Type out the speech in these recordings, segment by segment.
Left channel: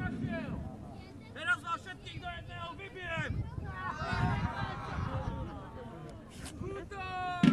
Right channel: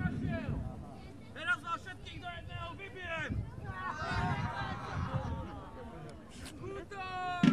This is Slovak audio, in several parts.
našiel! Teraz vás všetkých do jedného vybijem! Útok!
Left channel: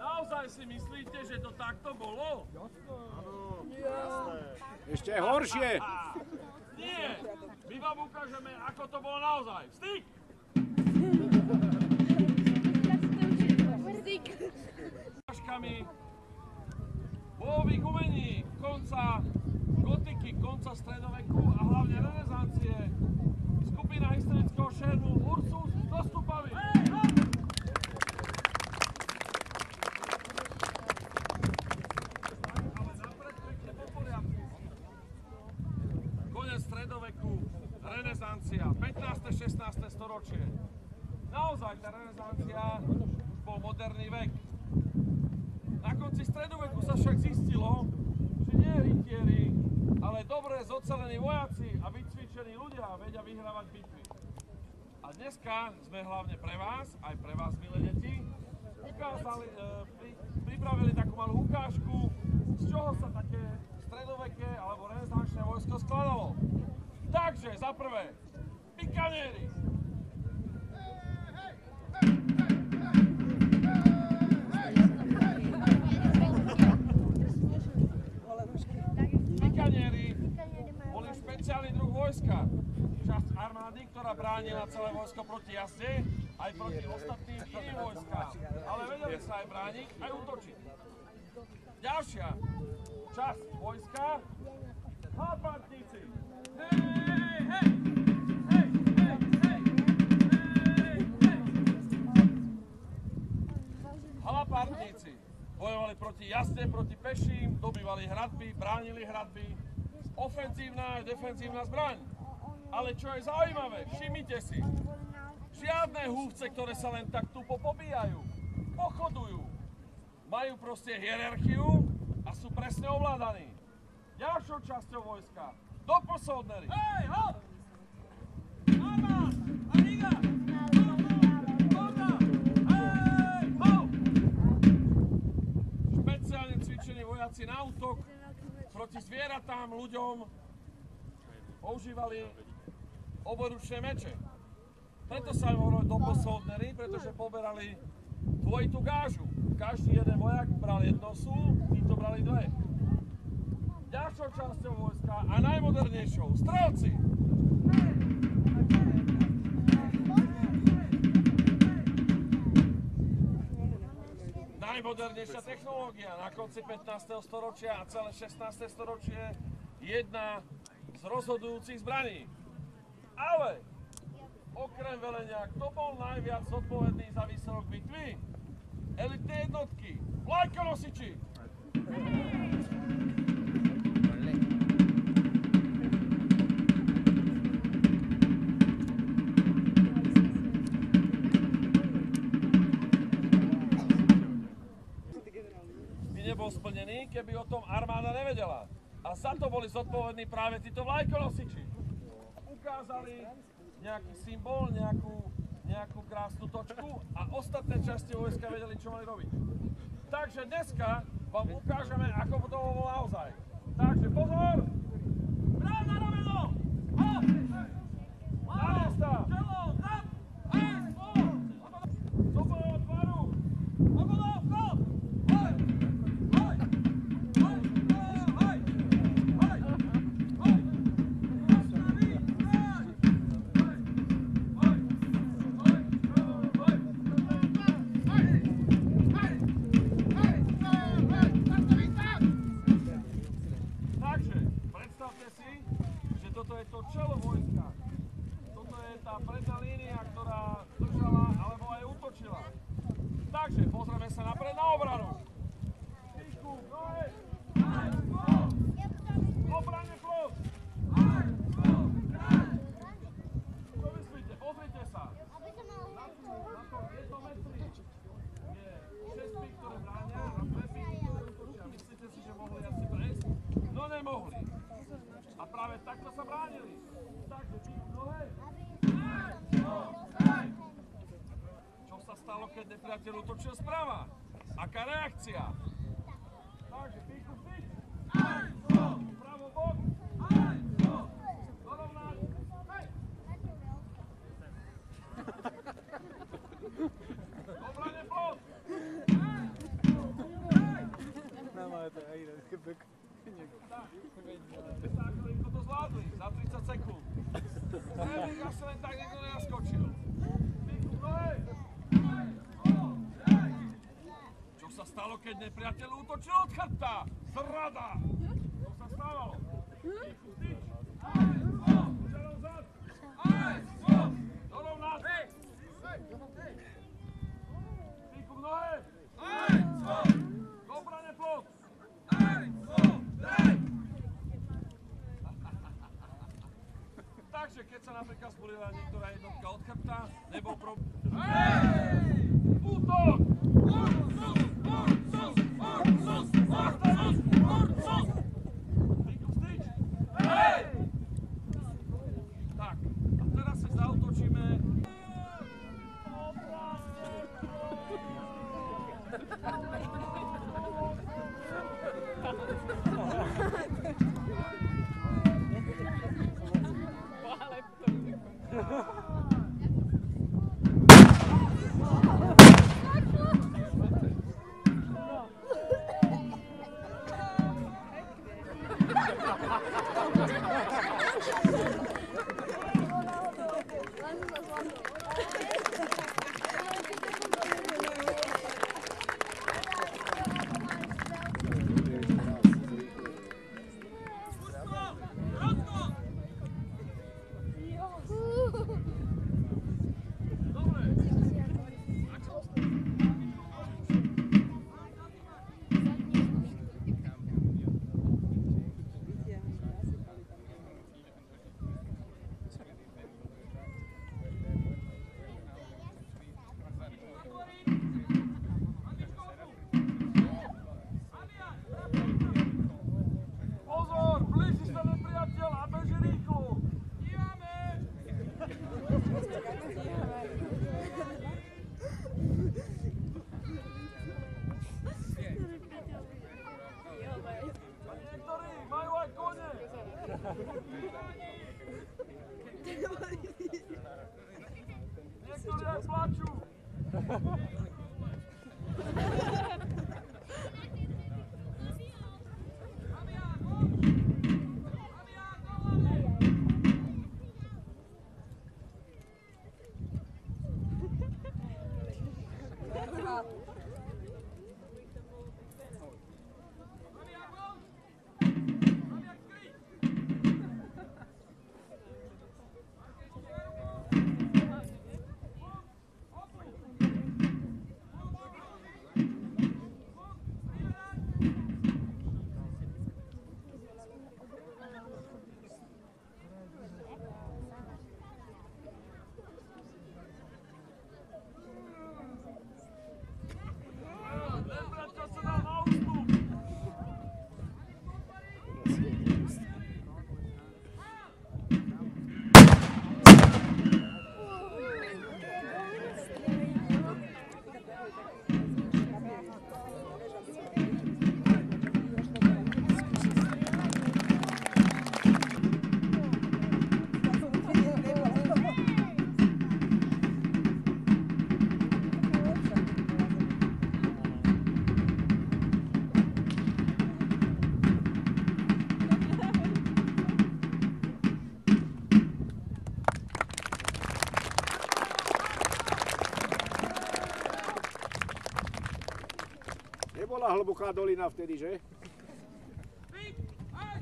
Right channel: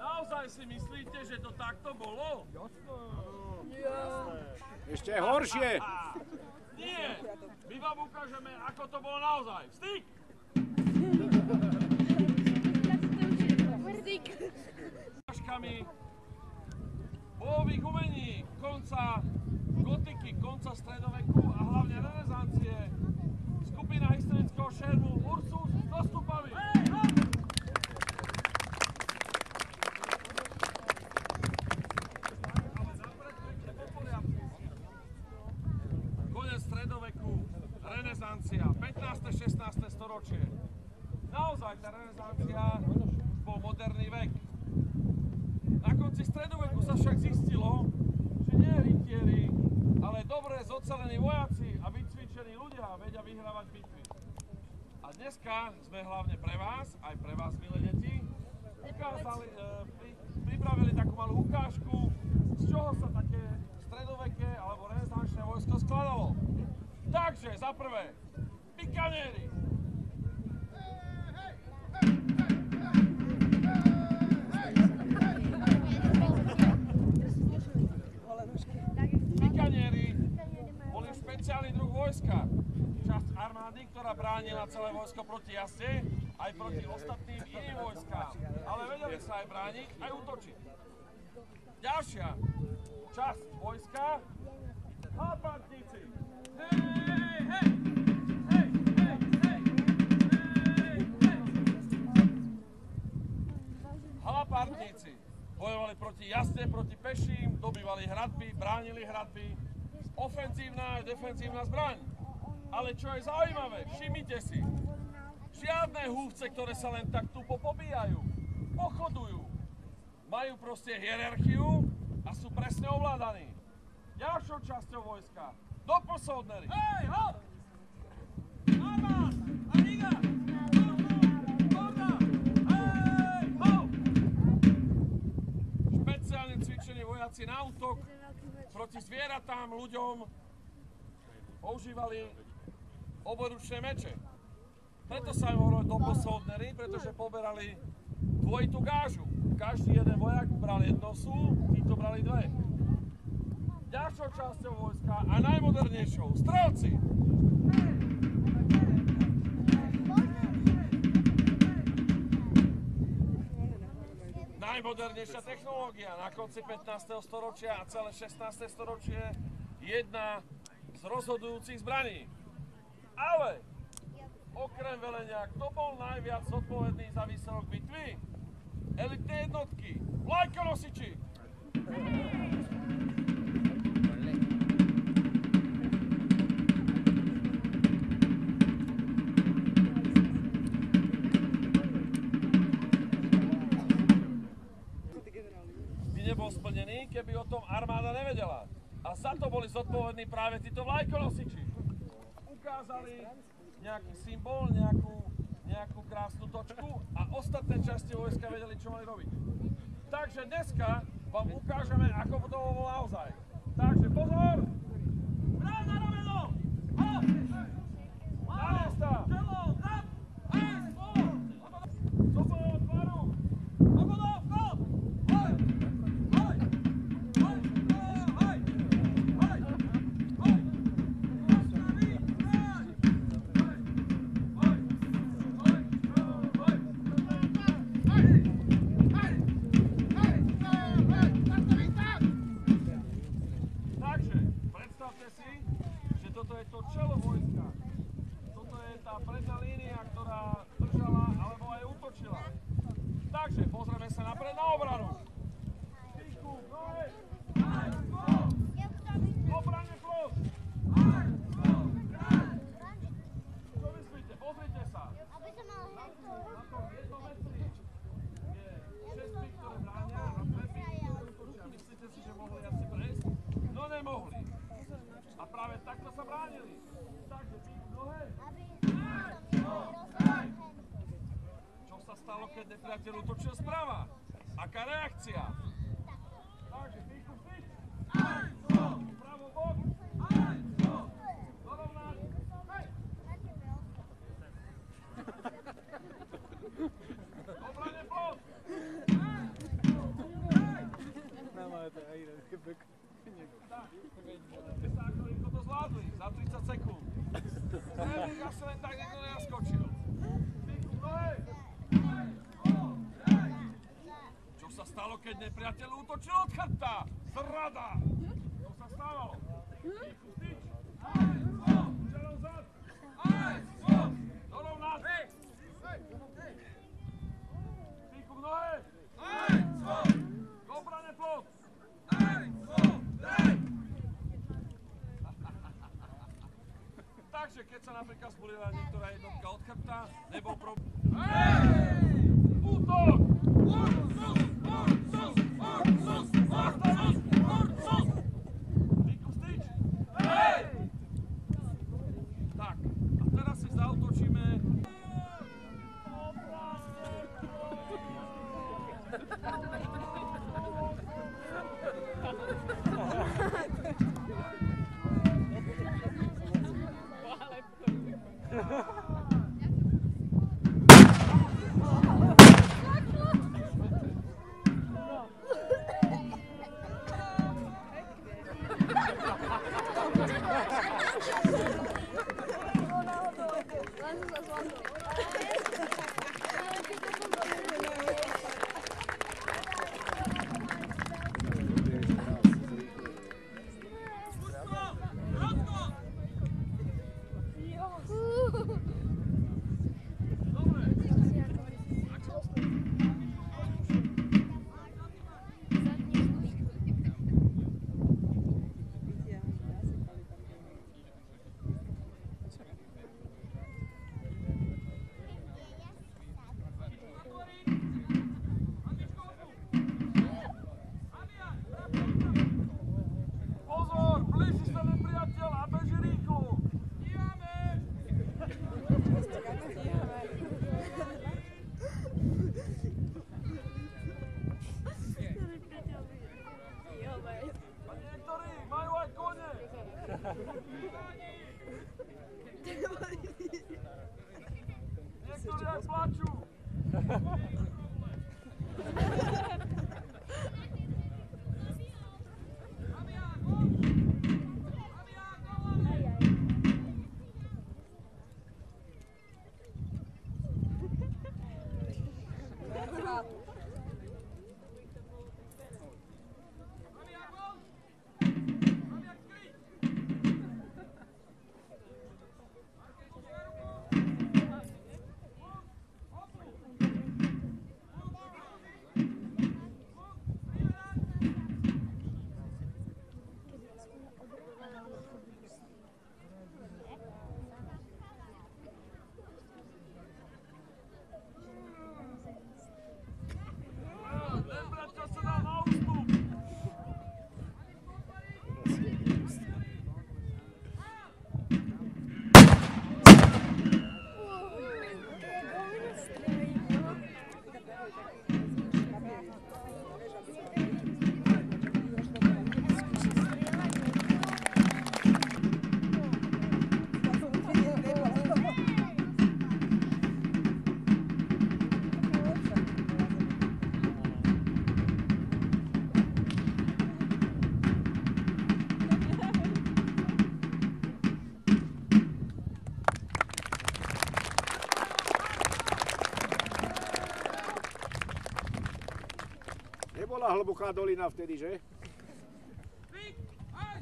Naozaj si myslíte, že to takto bolo? Ešte horšie! Nie! My vám ukážeme, ako to bolo naozaj. Styk! Ťažkami bojových umení konca gotiky, konca stredoveku a hlavne renesancie. Skupina historického šermu Ursus s dostupami. Konec stredoveku, renesancia, 15. 16. storočie. Naozaj tá renesancia už bol moderný vek. Na konci stredoveku sa však zistilo, že nie rytieri, ale dobre zocelení vojaci a vycvičení ľudia vedia vyhrávať bitvy. A dneska sme hlavne pre vás, aj pre vás, milé deti, pripravili takú malú ukážku, z čoho sa také stredoveké alebo renesančné vojsko skladalo. Takže, za prvé, pikanieri. Pikanieri boli špeciálny druh vojska. Časť armády, ktorá bránila celé vojsko proti jazde, aj proti ostatným iným vojskám. Ale vedeli sa aj brániť, aj útočiť. Ďalšia časť vojska, halpantníci. Halapártníci bojovali proti jazde, proti peším, dobývali hradby, bránili hradby. Ofenzívna a defenzívna zbraň. Ale čo je zaujímavé, všimnite si, žiadne húfce, ktoré sa len tak tupo pobíjajú, pochodujú. Majú proste hierarchiu a sú presne ovládaní. Ďalšou časťou vojska, doposlednery. Hej, hop! Armás! Amiga! Špeciálne cvičení vojaci na útok proti zvieratám, ľuďom používali oboručné meče. Preto sa im hovorili doposlednery, pretože poberali dvojitú gážu. Každý jeden vojak bral jedno sú, títo brali dve. Ďalšou časťou vojska a najmodernejšou, strelci. Najmodernejšia technológia na konci 15. storočia a celé 16. storočie, jedna z rozhodujúcich zbraní. Ale okrem velenia, kto bol najviac zodpovedný za výsledok bitvy? Elitné jednotky, vlajkonosiči. By nebol splnený, keby o tom armáda nevedela. A za to boli zodpovední práve títo vlajkonosiči. Ukázali nejaký symbol, nejakú krásnu točku a ostatné časti vojska vedeli, čo mali robiť. Takže dneska vám ukážeme, ako to bolo naozaj. Takže pozor! Práv na rameno! Hop! Na miesta! Čelo! Zap! Hej! Spolu! Do bojho tvaru! Ogodov! Kop! Hoj! Hoj! Hoj! Hoj! Hoj! Hoj! Postaví! Hoj! Takže, predstavte si, že toto je to čelo vojska. Toto je je tá predná línia, ktorá držala alebo aj útočila. Takže pozrieme sa napred na obranu. Píku, nohe. Obrane plot. Čo myslíte? Pozrite sa. Na tom 1 metri je 6 pík, ktoré bránia a 2 píky, ktoré útočia. Myslíte si, že mohli asi prejsť? No nemohli. A práve takto sa bránili. Takže píku nohe. Čo sa stalo, keď nepriateľ útočil sprava? Aká reakcia? Takže píku vstyč. Pravo bok. Dorovnať. Obrane plot. Tak, ako to zvládli za 30 sekúnd. Neviem, asi len tak niekto nenaskočil. Píku nohe. Čo sa stalo, keď nepriateľ útočil od chrbta? Zrada! Čo sa stalo? Píku styč. Čelom zad. Dorovnať. Píku v nohe. K obrane plot. Takže keď sa napríklad zbolila niektorá jednotka od chrbta, nebol problém. Útok! Píku vstyč. Tak, a teraz si zaútočíme. Niektorí majú aj kone. Niektorí aj plačú. Nebola hlboká dolina vtedy, že? Pík, aj,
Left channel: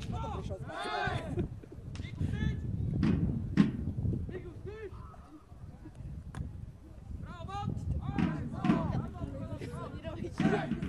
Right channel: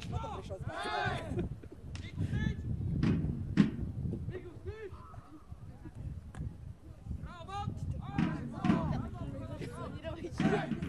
Ďakujem.